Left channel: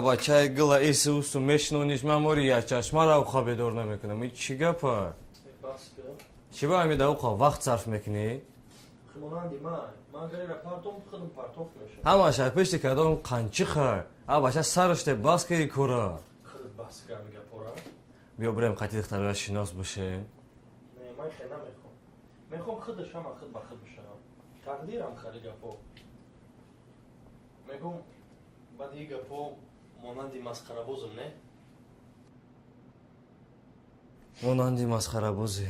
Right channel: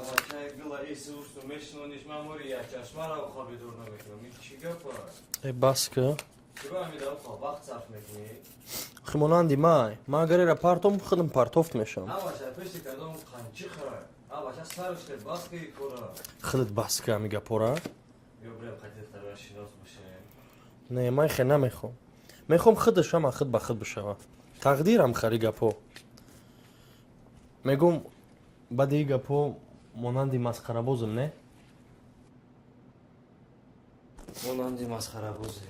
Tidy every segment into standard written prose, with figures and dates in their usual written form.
بچه گل ایسوس و مشنونیش من موری یا چشما را خواب دور نمیکنم این چی گپه؟ بس که چی با همی دو خواه وقت صرف میکنی؟ خیموناندی ما اگر را پارتوم خودم پارتوفت میشم همه شاید پشتی که دارم قنچی خواه بچه سرشته بس که کورا خودت بس که میگه پورا بیا بریم خطی اختراع شناس بشه نه من خیلی نمیخوام میخوام خودش هم خود به خود بشه تقدیرم خری گپو میگم بعد این گپو مانندی مسخره بازم نه مانندی مسخره بازی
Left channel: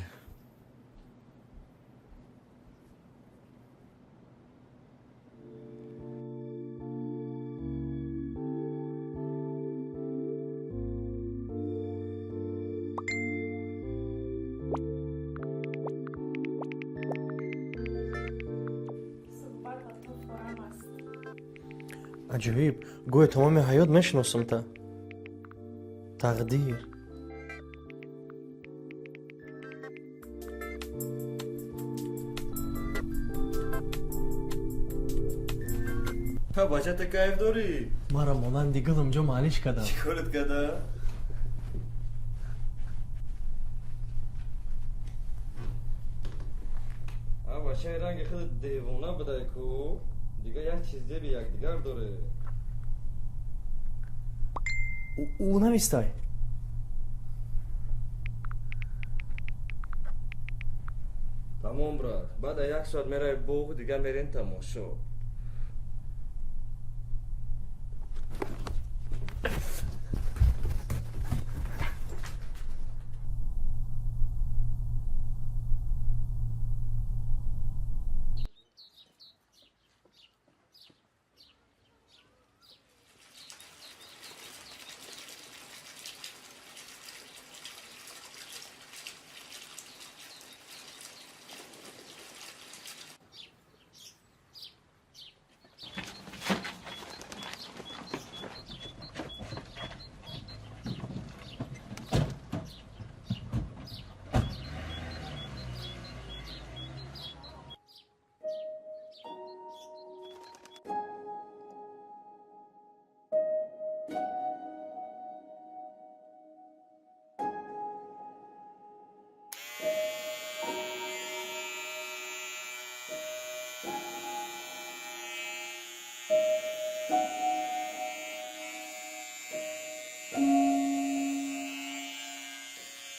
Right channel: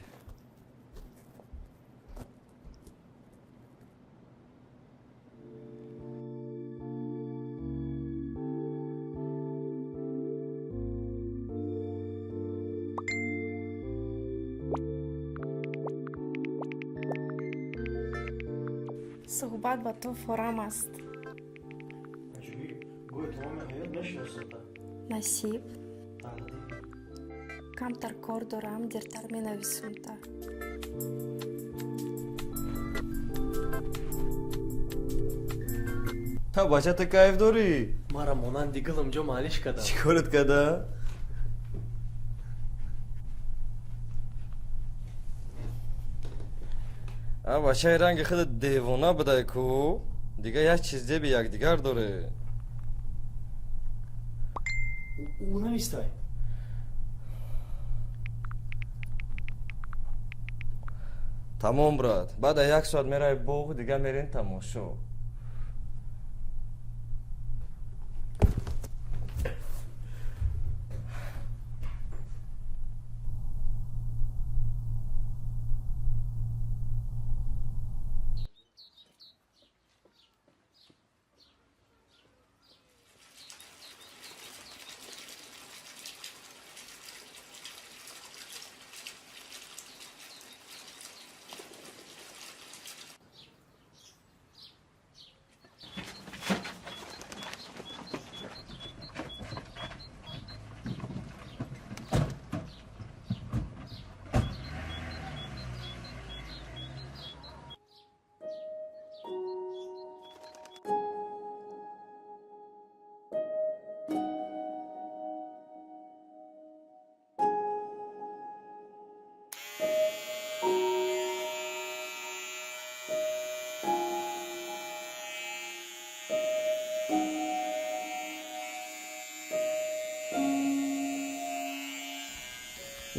صحبت با تو فورم است. عجیب گوی تمام حیات میشناسم تا نصیب تقدیر کمتر کار دارم دیرتر می نویسم تا بچه تو کیف داری؟ ما را مانندی گلم جو معلیش کردم چی کارت کده؟ بچه رنگ خود دیوانه بده کو دیگه یک چیز به یک دیگر داره او نمیستای تمام برات بعد یک ساعت میره بوغ دیگه میرین تماشا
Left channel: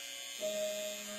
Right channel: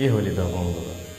یه حالی دوام دارم